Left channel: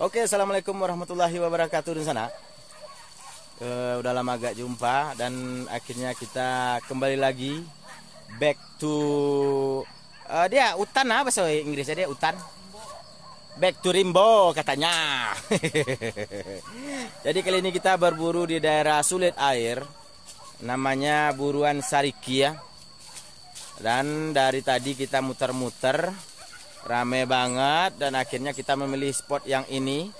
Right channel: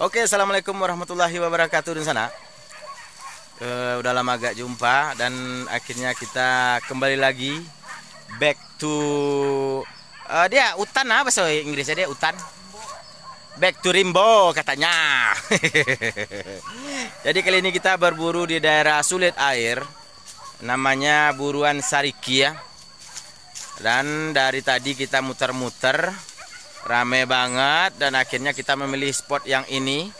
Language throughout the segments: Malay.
Oke, assalamualaikum warahmatullahi wabarakatuh di sana. Udah lama gak jumpa dan akhirnya kita kembali lagi back to dia hutan apa bahasa Inggrisnya, dia hutan. Back to Rimbo katanya. Jadi kali ini kita berburu di daerah Sulit Air. Namanya buruan Sariki ya. Dan dari tadi kita muter-muter, rame banget, dan akhirnya kita memilih spot yang ini.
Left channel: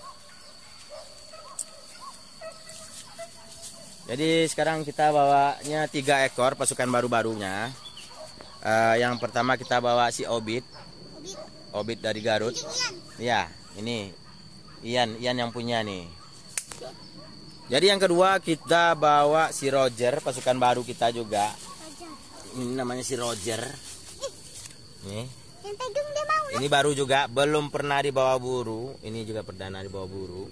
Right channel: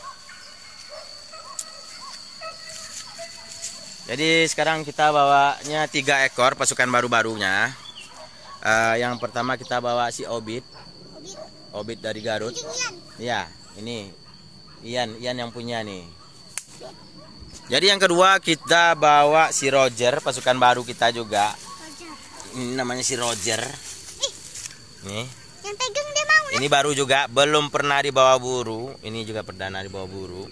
Jadi sekarang kita bawanya 3 ekor pasukan baru-barunya. Yang pertama kita bawa si Obit dari Garut. Ya, ini Ian yang punya nih. Jadi yang kedua kita bawa si Roger, pasukan baru kita juga. Ini namanya si Roger. Nih. Yang pegang dia mau. Ini baru juga, belum pernah dibawa buru. Ini juga perdana dibawa buru.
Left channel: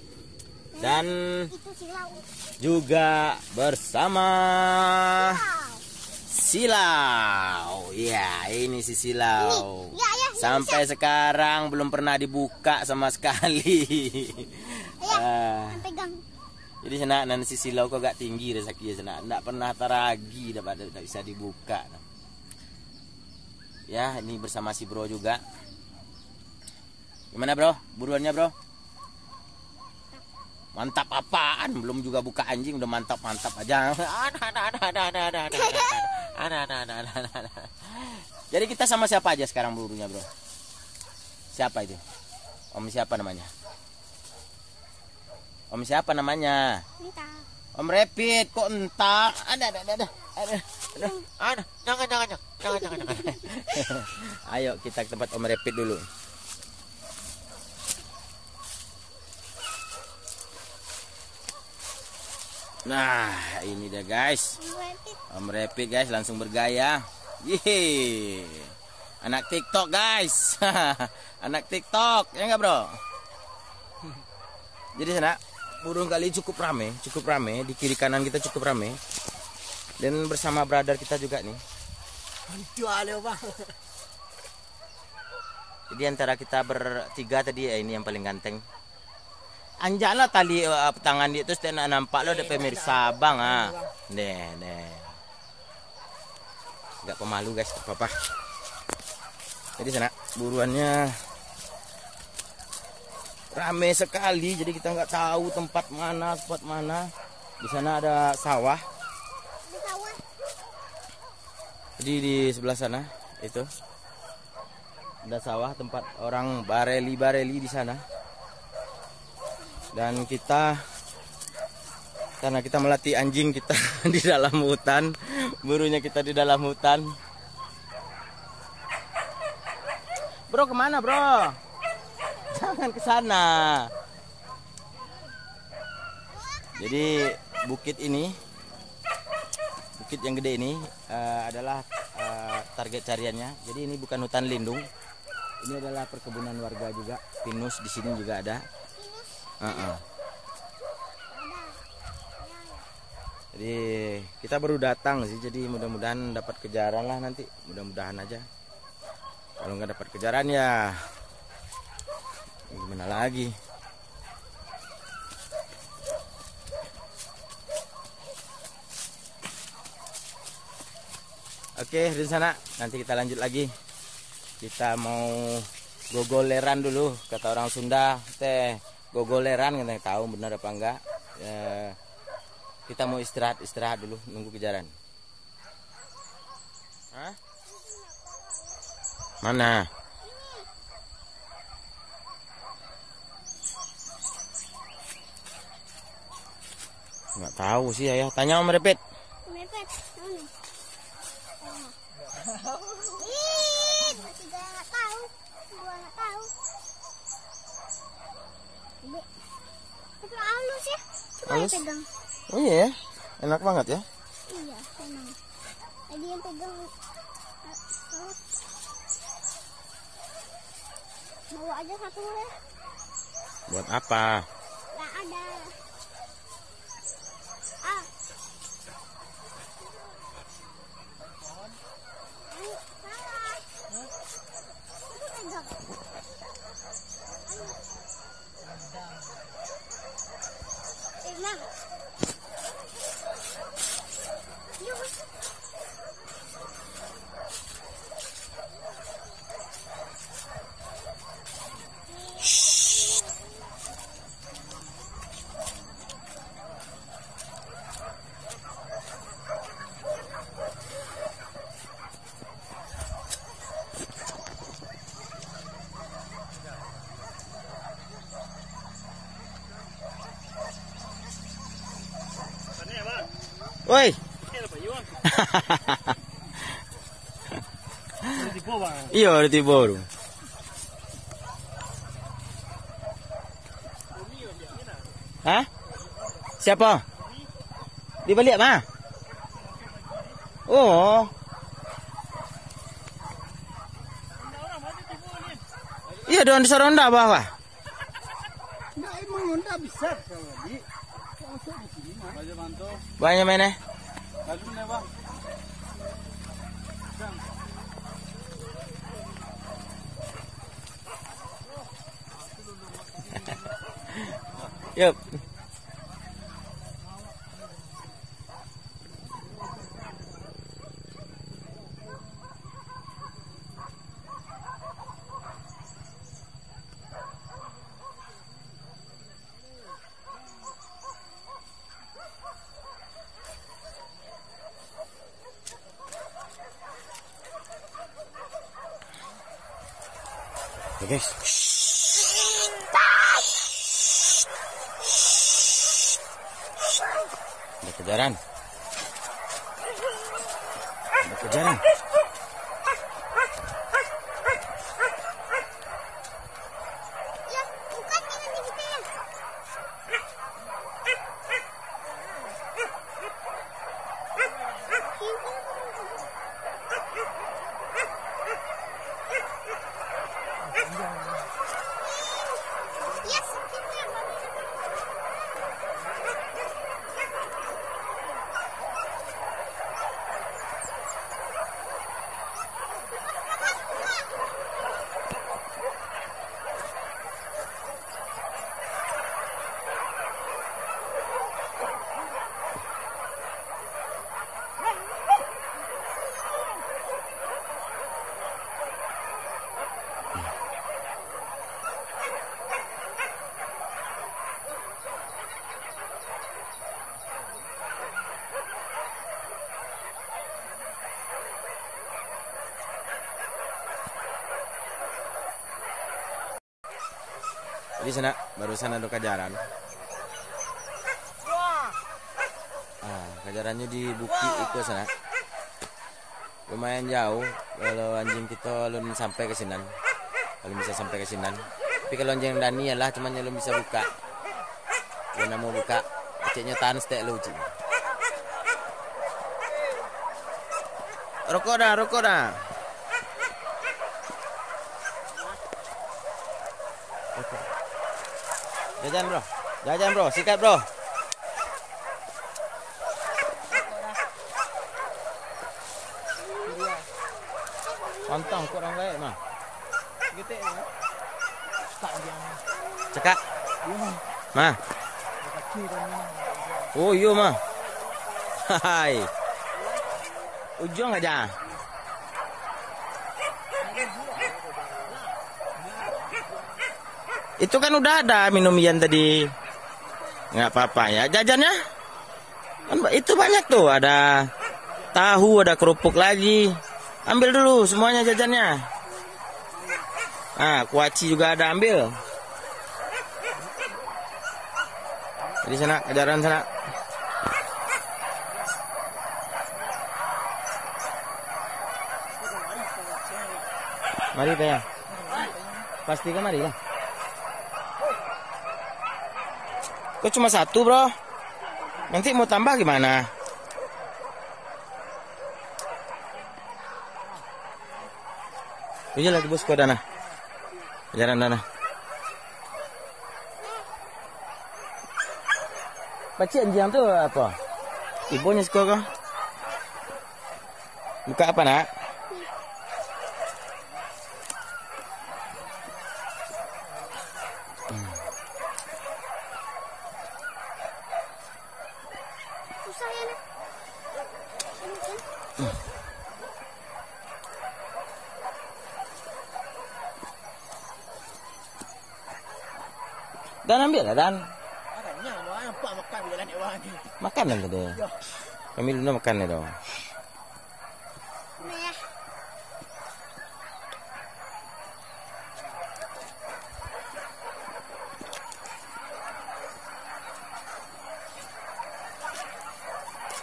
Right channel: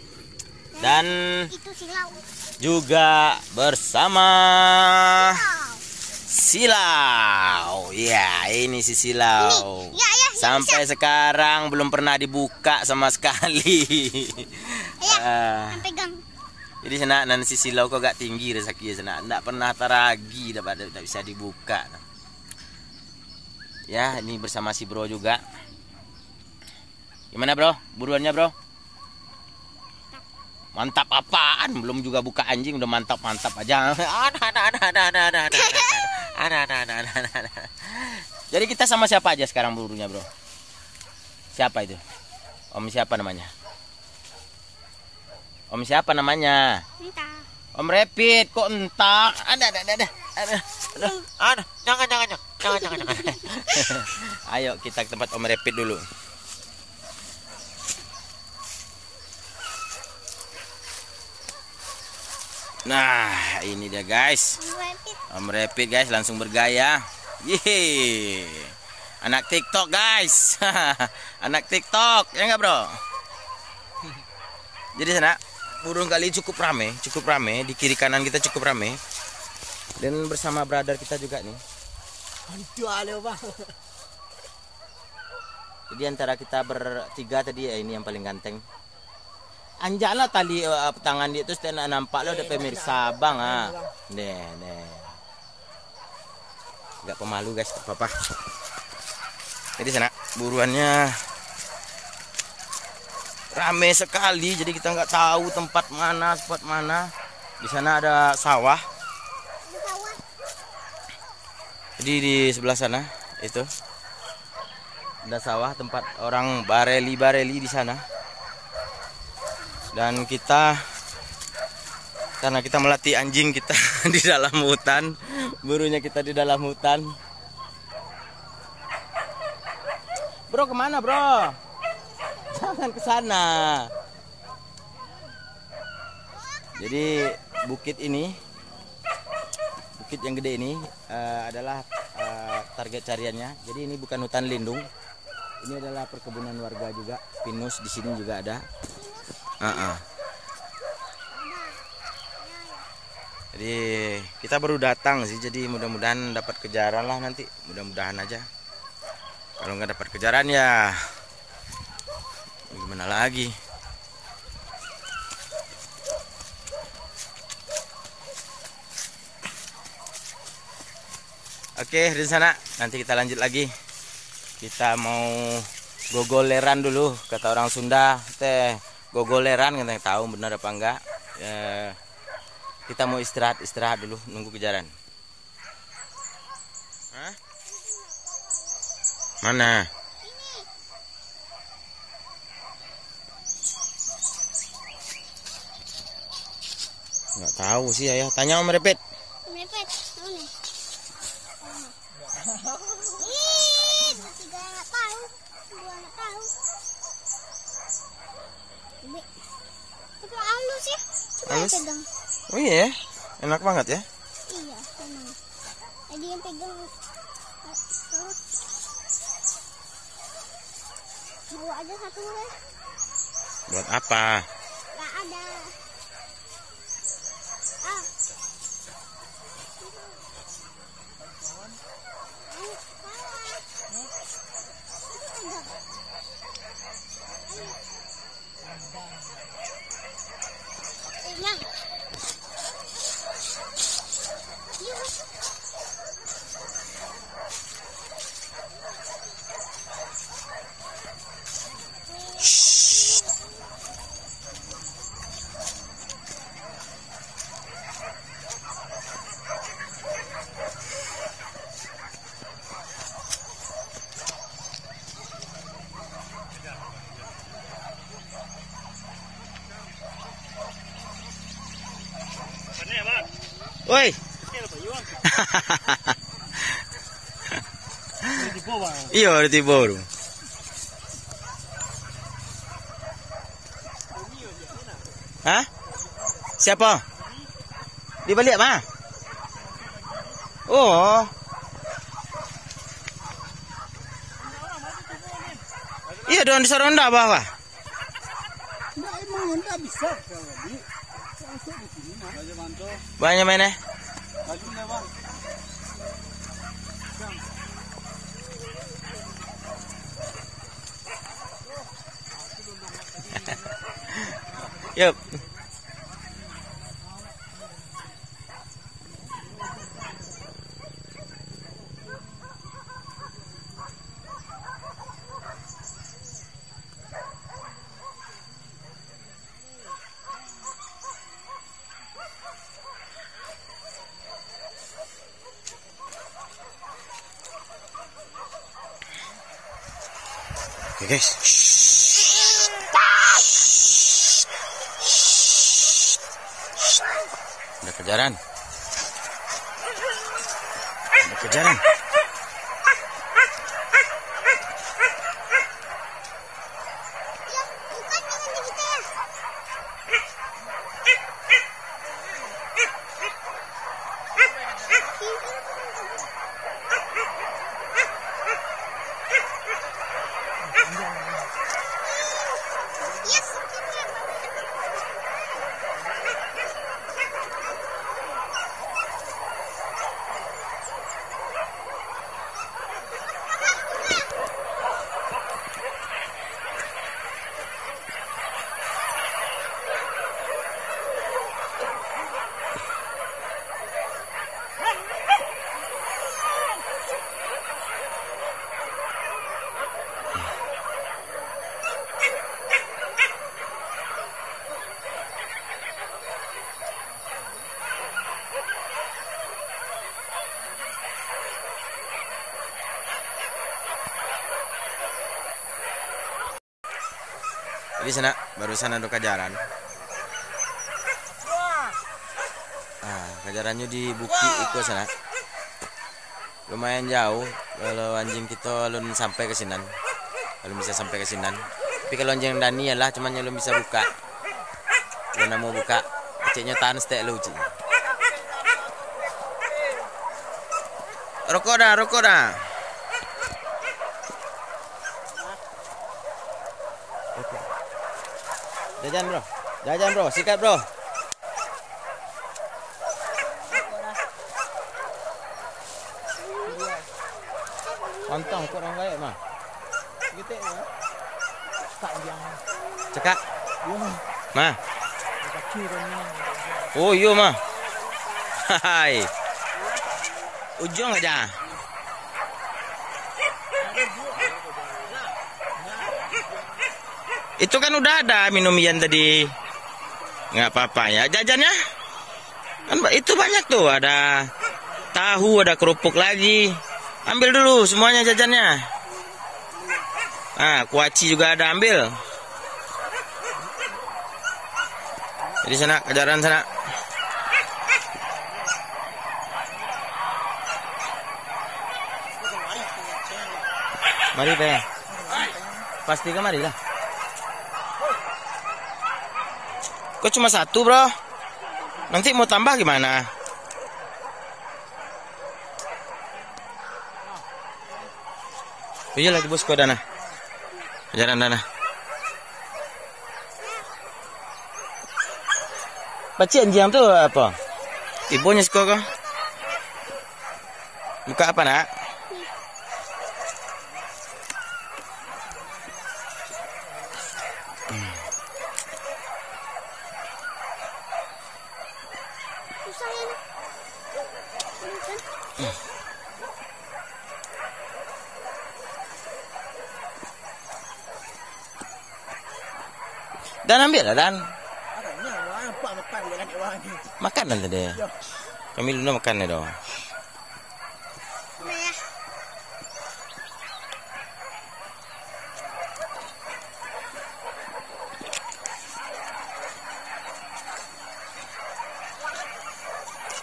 Dan Itu silau. juga bersama Silau. Ya, ini si Silau. Ini. Ya, Sampai sekarang belum pernah dibuka sama sekali. Yang pegang. Jadi sana si Silau kok gak tinggi rezeki sana. Enggak pernah taragi, dapat bisa dibuka. Ya, ini bersama si Bro juga. Gimana Bro? Buruannya Bro? Mantap apaan? Belum juga buka anjing udah mantap-mantap aja. Jadi kita sama siapa aja sekarang burunya Bro? Siapa itu? Om siapa namanya? Om siapa namanya? Entah. Om Rapid kok entak? Ada. Jangan. Ayo kita ke tempat Om Rapid dulu. Nah, ini dia guys. Om Rapid guys langsung bergaya. Yeay. Anak TikTok guys. Anak TikTok, ya enggak Bro? Jadi sana burung kali cukup rame di kiri kanan kita cukup rame. Dan bersama brother kita juga nih. Jadi antara kita bertiga tadi ya, ini yang paling ganteng. Anjaklah tali tangan dia terus tidak nampak lo ada pemirsa bang ah. Nih. Agak pemalu guys, tak apa-apa. Jadi sana buruannya rame sekali, jadi kita nggak tahu tempat mana. Di sana ada sawah. Jadi di sebelah sana itu ada sawah tempat orang bareli di sana. Dan kita karena kita melatih anjing kita di dalam hutan, burunya kita di dalam hutan. Bro kemana Bro? Jangan ke sana. Jadi bukit yang gede ini adalah target cariannya. Jadi ini bukan hutan lindung. Ini adalah perkebunan warga juga. Pinus di sini juga ada. Jadi kita baru datang sih. Jadi mudah-mudahan dapat kejaran lah nanti. Mudah-mudahan aja. Kalau nggak dapat kejaran ya gimana lagi. Oke, di sana nanti kita lanjut lagi. Kita mau gogoleran dulu, kata orang Sunda teh gogoleran, kita tahu benar apa enggak. Kita mau istirahat dulu nunggu kejaran. Hah? Mana? Nggak tahu sih ayah. Tanya Om Repet. Om Repet, tahu nih. Tiga nggak tahu, dua nggak tahu. Tapi halus ya. Halus? Pegang. Oh iya, enak banget ya. Iya, memang. Tadi yang pegang. Bawa aja satu ya. Buat apa? Nggak ada. Woi. Iya, ada tiba baru. Hah? Siapa? Di balik mana? Oh. Iya, doang di Saronda bawah. Banyak mana? Yup. Oke guys. Ada kejaran. Ada kejaran. Ya, bukan dengan kita ya. Yes, Jadi sana barusan ada kejaran. Kejarannya di Bukit Iko sana. Lumayan jauh kalau anjing kita belum sampai ke sinan. Belum bisa sampai ke sinan. Tapi kalau anjing Dani lah cuman belum bisa buka. Kalau mau buka, kecilnya tahan stek lu. Rokok dah. Jajan bro, sikat bro. Pantang kok orang lain mah. Getek ya. Panjang. Cekak. Iya mah. Mah. Kecil dan minang. Oh iya mah. Hai. Ujung aja. Itu kan udah ada minum Ian tadi. Nggak apa-apa ya. Jajannya kan itu banyak tuh. Ada tahu, ada kerupuk lagi. Ambil dulu semuanya jajannya. Kuaci juga ada, ambil. Jadi sana, kejaran sana. Mari Teh. Pasti kemari lah. Kok cuma satu bro? Nanti mau tambah gimana? Iya lagi bosku dana. Kejaran dana. Baca anjing tuh apa? Ibunya sekolah kok. Buka apa nak? Susah ya. Dan ambil lah Dan. Apa makan dengan hewan ni? Makan lah tadi. Kami dulu makan dong. Nah ya.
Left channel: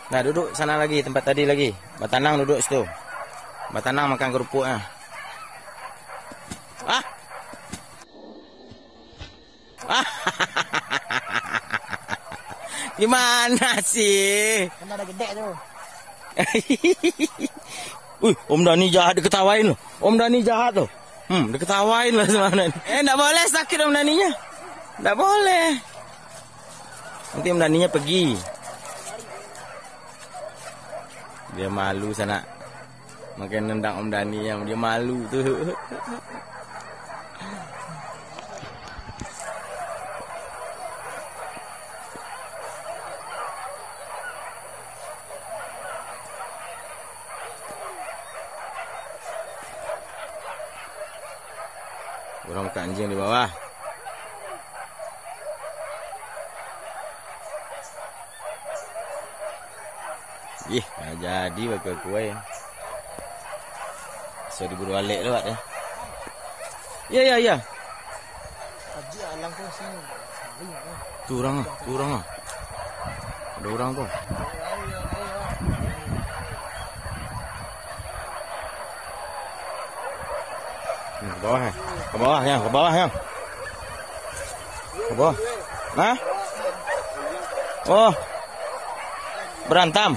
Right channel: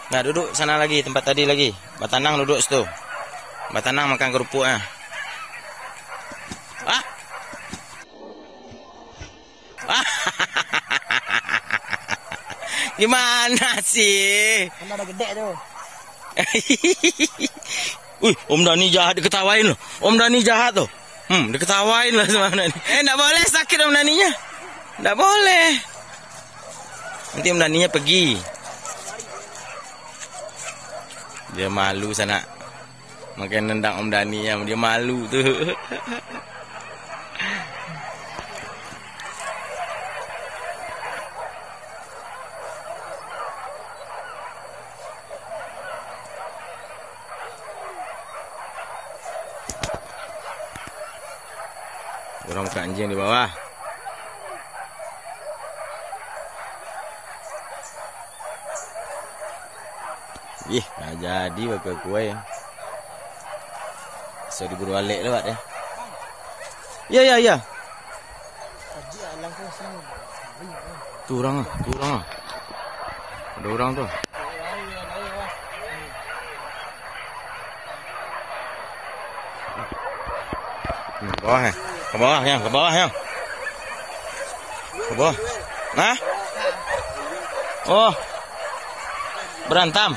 Nah, duduk sana lagi, tempat tadi lagi. Batanang duduk situ. Batanang makan kerupuknya. Ah. Ah. Gimana sih? Kan ada gede tuh. Wih, Om Dani jahat, diketawain loh. Om Dani jahat tuh. Diketawain lah sama Om Dani. Enggak boleh sakit Om Daninya. Enggak boleh. Nanti Om Daninya pergi. Dia malu sana. Makin nendang Om Daninya, dia malu tuh. Orang ke anjing di bawah. Ih, dah jadi bakal kue. Saya diburu balik lewat ya. Ya. Kaji alang kau sini. Tu orang ah. Ada orang tu. Ke bawah ya. Ke bawah ya. Ke bawah. Nah? Oh. Berantem.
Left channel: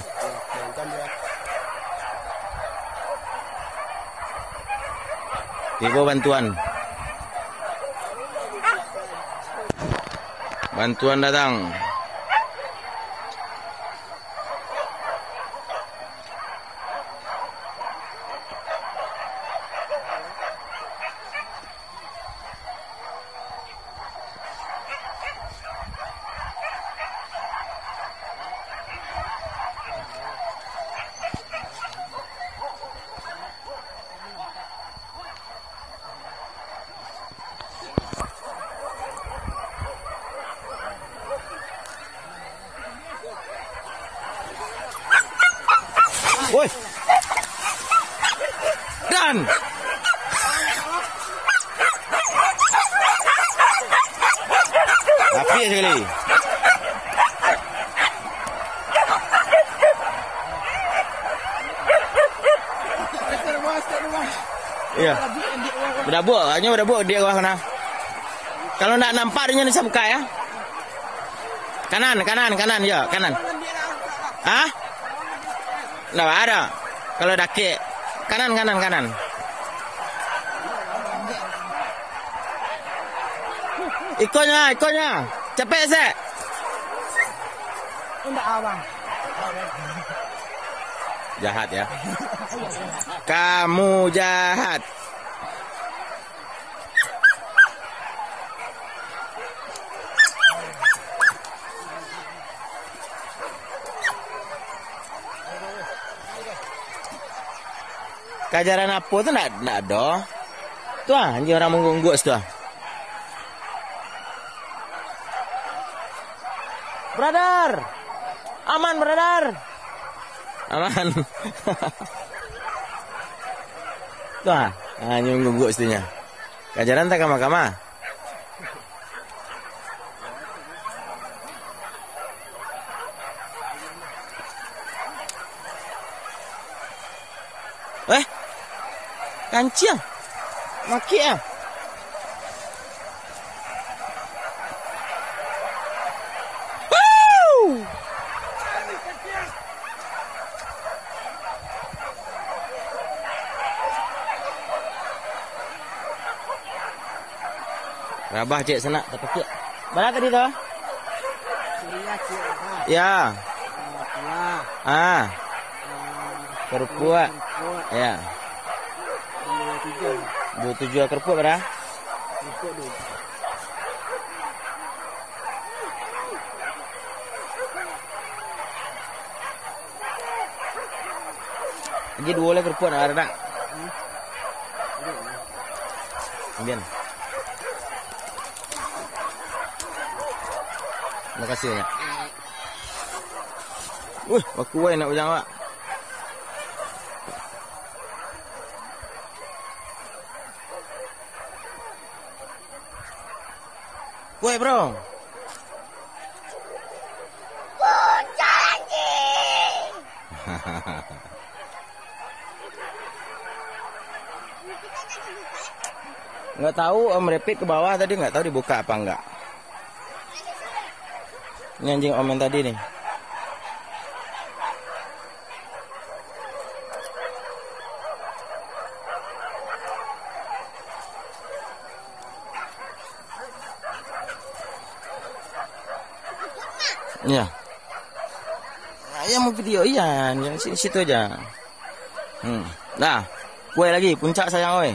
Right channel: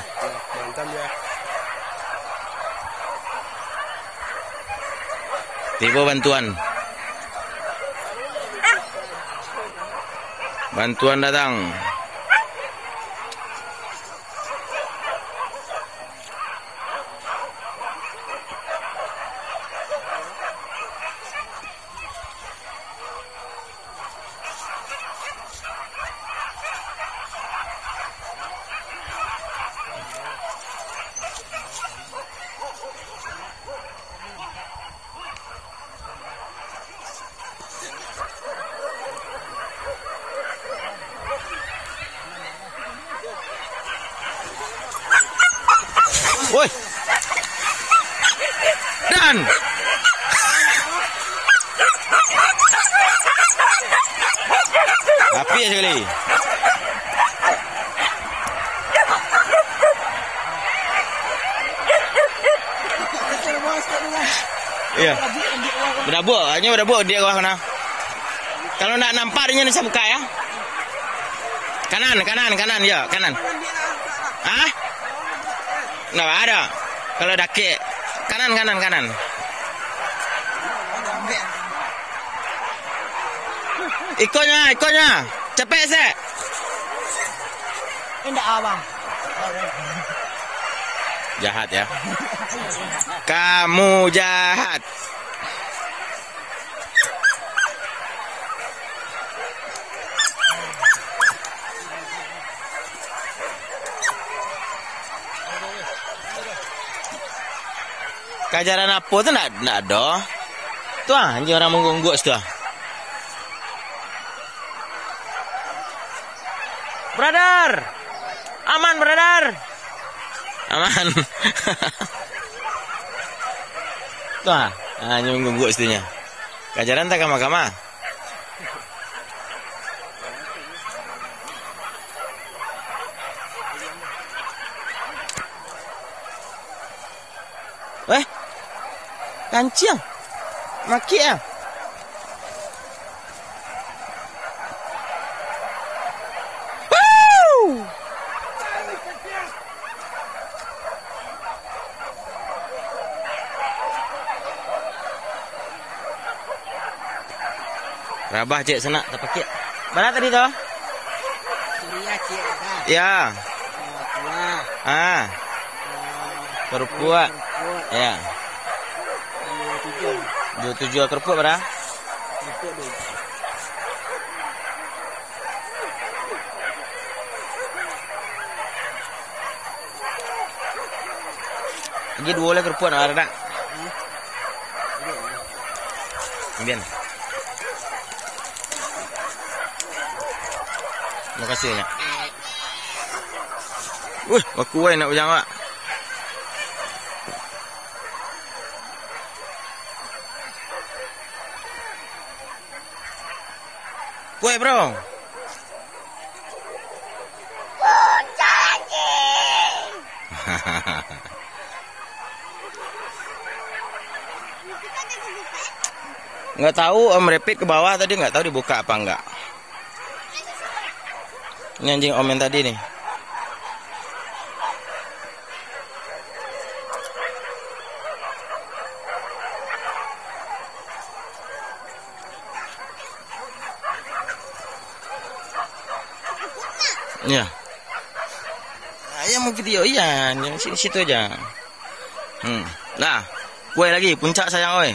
Tiba bantuan. Bantuan datang. Woi. Dan api sekali. Iya. Hanya berabuk dia bawah sana. Kalau nak nampak dia bisa buka ya. Kanan ya, kanan. Ah? Nah, ada. Kalau daki kanan. Ikonnya. Cepet sih. Indah abang. Jahat ya. Kamu jahat. Kajaran apa tu nak ada? Tu anjing orang menggunggu tu. Brother. Aman, brother. Aman. Tu anjing menggunggu istinya. Kajaran tak kama-kama. Kancing. Maki ah. Woo! Rabah cik sana tak pakai. Mana tadi tu? Ya. Kerupuk. Ya. 27 kerupuk berapa? Lagi 2 lagi kerupuk nak ada tak? Kemudian. Terima kasih banyak. Wih, aku nak ujang pak. Kue bro. Bocah lagi. Nggak tahu Om Rapid ke bawah tadi, nggak tahu dibuka apa enggak. Ini anjing Om yang tadi nih. Iya. Nah, yang mau video iya, yang situ aja. Nah, kue lagi puncak sayang oi.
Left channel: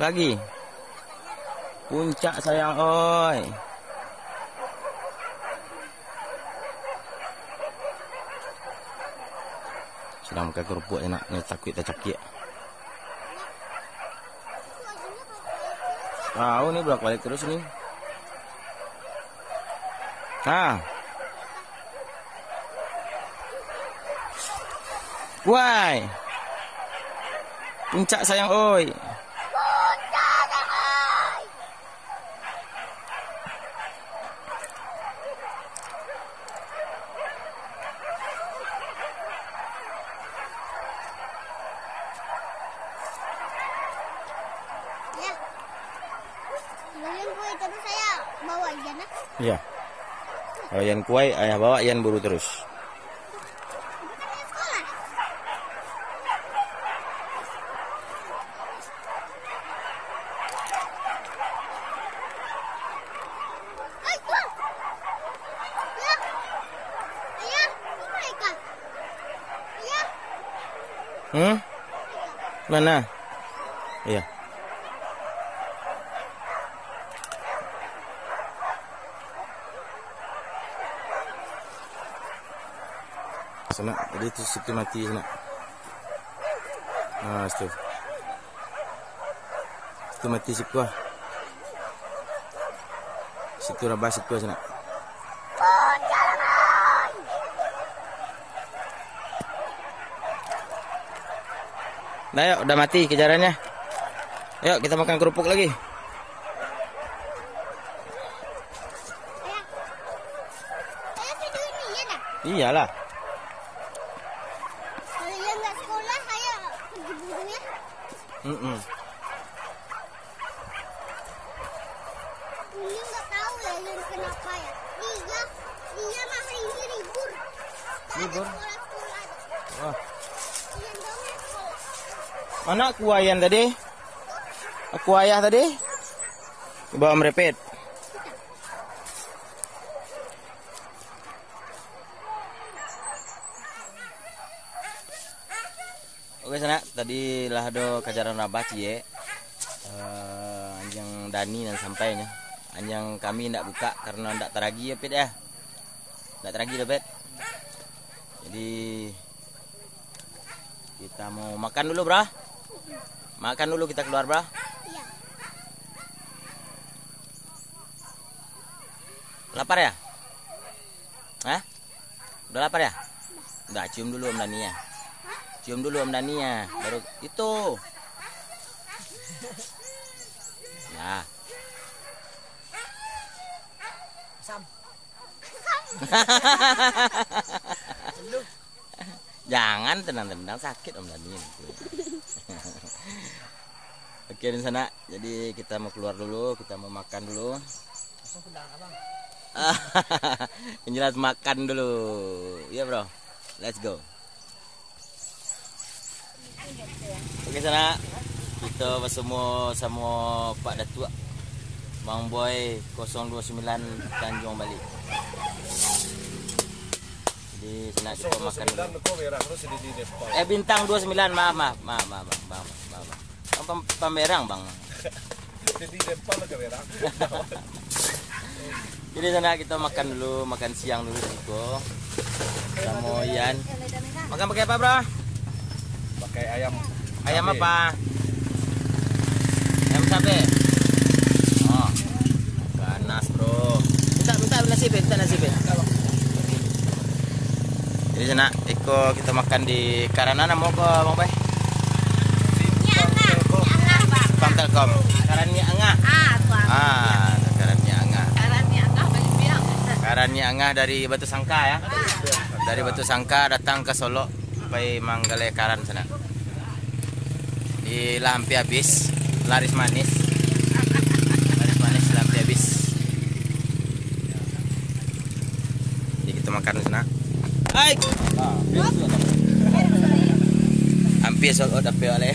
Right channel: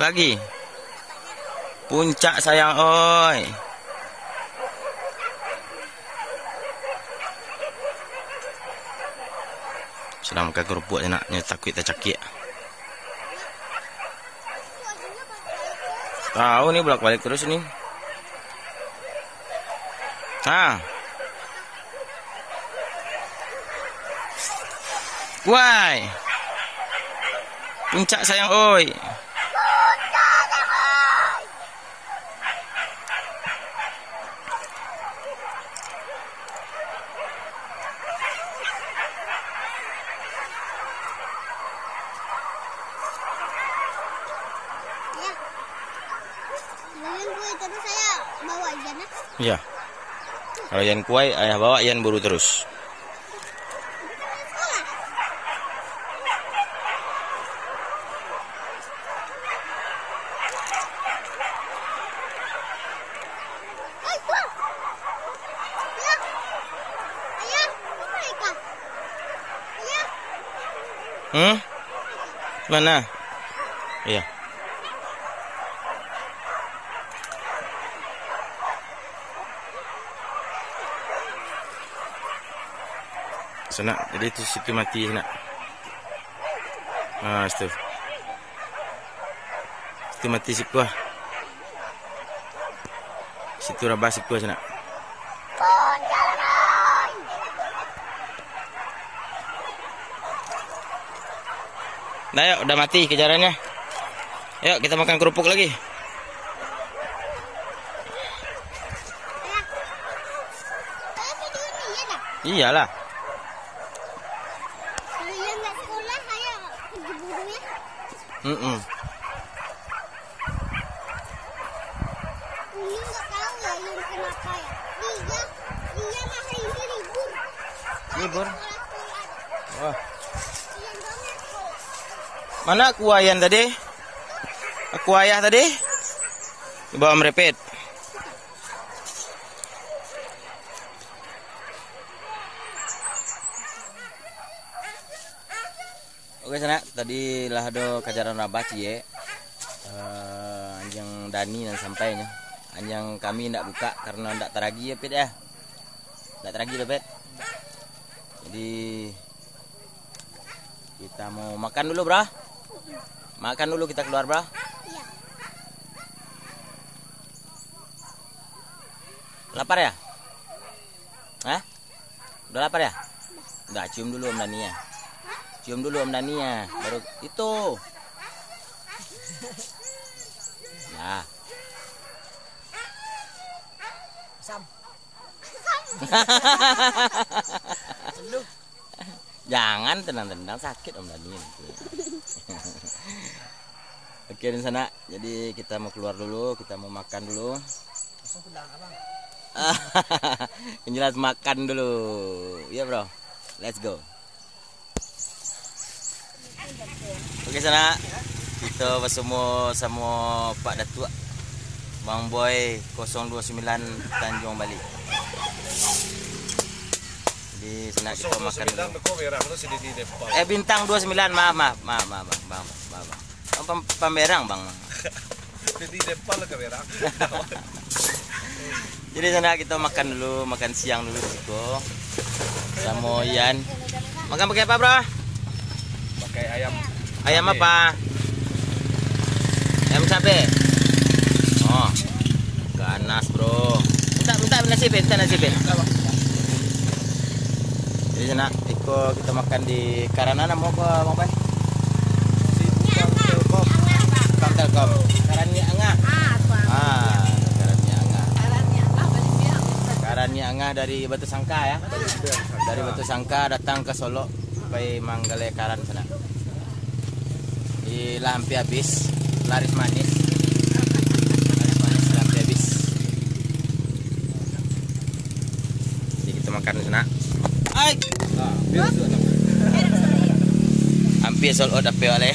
Lagi. Puncak sayang oi. Sedang makan kerupuk enaknya takut kita cakik. Tahu nih bolak-balik terus ini. Why? Puncak sayang oi. Terus saya bawa Ian ya. Iya. Kalau Ian kuai, ayah bawa Ian buru terus. Mana? Iya. Sana, jadi itu situ mati sana. Situ. Situ mati siku ah. Situ rabah siku sana. Nah, yuk, udah mati kejarannya. Yuk, kita makan kerupuk lagi. Iyalah. Kalau Ian nggak sekolah, saya pergi burunya. Ini nggak tahu ya Ian kenapa ya. Dia masa ini libur. Libur? Sekolah. Ian banget kok. Mana aku Ian tadi? Aku ayah tadi? Coba Om Rapid. Oke sana, tadi lah do kajaran rabah cie. Anjing Dani yang sampai nih. Anjing kami ndak buka karena ndak teragi ya Pit ya. Ndak teragi deh Pit. Jadi kita mau makan dulu, Bro. Makan dulu kita keluar, Bro. Iya. Lapar ya? Hah? Udah lapar ya? Udah, cium dulu Om Dani ya. Cium dulu Om Dani ya. Baru itu. Nah. Sam. Jangan tendang-tendang sakit Om Dani. Oke di sana. Jadi kita mau keluar dulu, kita mau makan dulu. Langsung pulang abang. Yang jelas makan dulu. Iya bro. Let's go. Oke sana. Kita bersama sama Pak Datuk Bang Boy 029 Tanjung Bali. Di sana kita makan dulu. Bintang 29, maaf. Pamerang bang. Jadi sana kita makan dulu, makan siang dulu di situ. Sama Ian. Makan pakai apa, Bro? Pakai ayam. Ayam apa? Ayam cabe. Oh. Ganas, Bro. Bentar nasi be. Jadi sana Eko kita makan di Karanana mau ke Bang Bay? Bang Telkom. Karannya Angah. Karannya Angah. Karannya Angah dari Batu Sangka ya. Dari Batu Sangka datang ke Solo supaya manggale karan sana. Ilah hampir habis, laris manis. Laris manis hampir habis. Jadi kita makan di sana. Hai. Hampir sold out apa ya?